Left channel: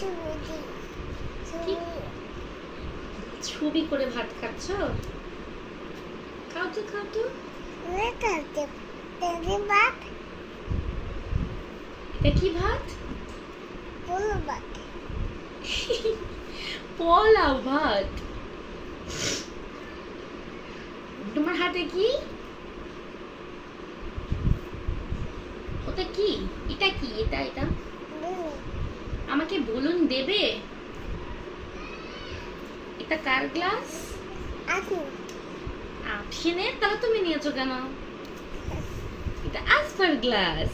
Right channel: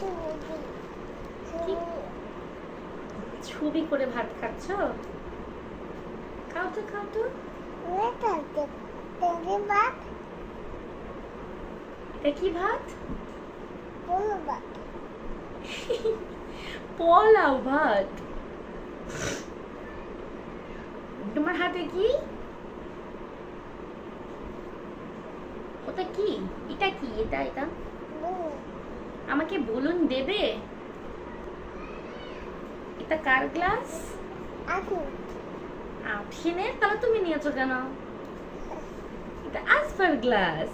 কি? ছবি করে ভাত খাচ্ছ? খাও তো খাও তো। এটা কি ভাত? পোলাও ভাত। তোমার হাতে কি? ওটা কি? এটা কি? এটা এটা আমাকে বলুন দেবে? এটা কার গ্লাস? আফিনের। তাহলে তুমি নিয়েছো কেন? এটা আসবার গ্লাস।